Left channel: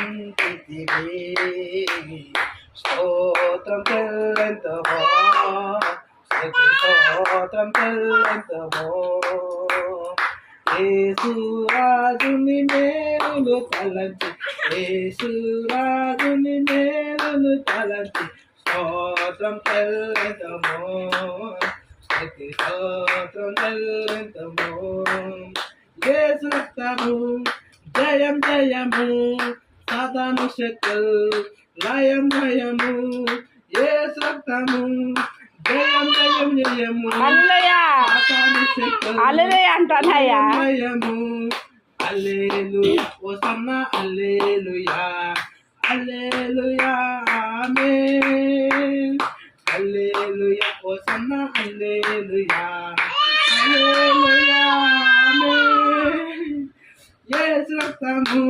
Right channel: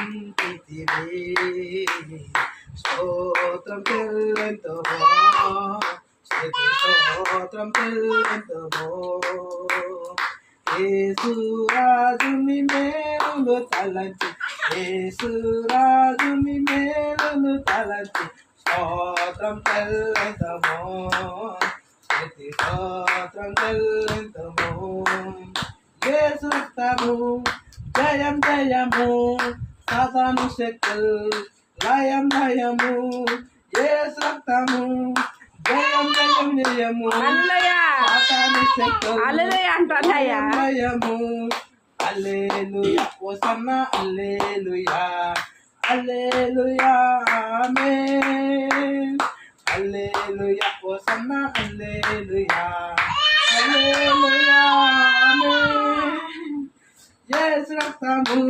ఉంటితివి. స్తోత్రం చెల్లింతుము, స్తుతి స్తోత్రం చెల్లింతుము. యేసురాజుని మేలులు తలంచి, యేసురాజుని మేలులు తలంచి స్తోత్రం చెల్లింతుము, స్తుతి స్తోత్రం చెల్లింతుము. యేసు రక్తము జయం జయము, సాతాను శక్తులు లయం లయము. యేసు రక్తము జయం జయం జయము, సాతాను శక్తులు లయము. హల్లెలూయా హోసన్నా హల్లెలూయా, హల్లెలూయా ఆమేన్. హల్లెలూయా హోసన్నా హల్లెలూయా, హల్లెలూయా ఆమేన్. యేసు రక్తము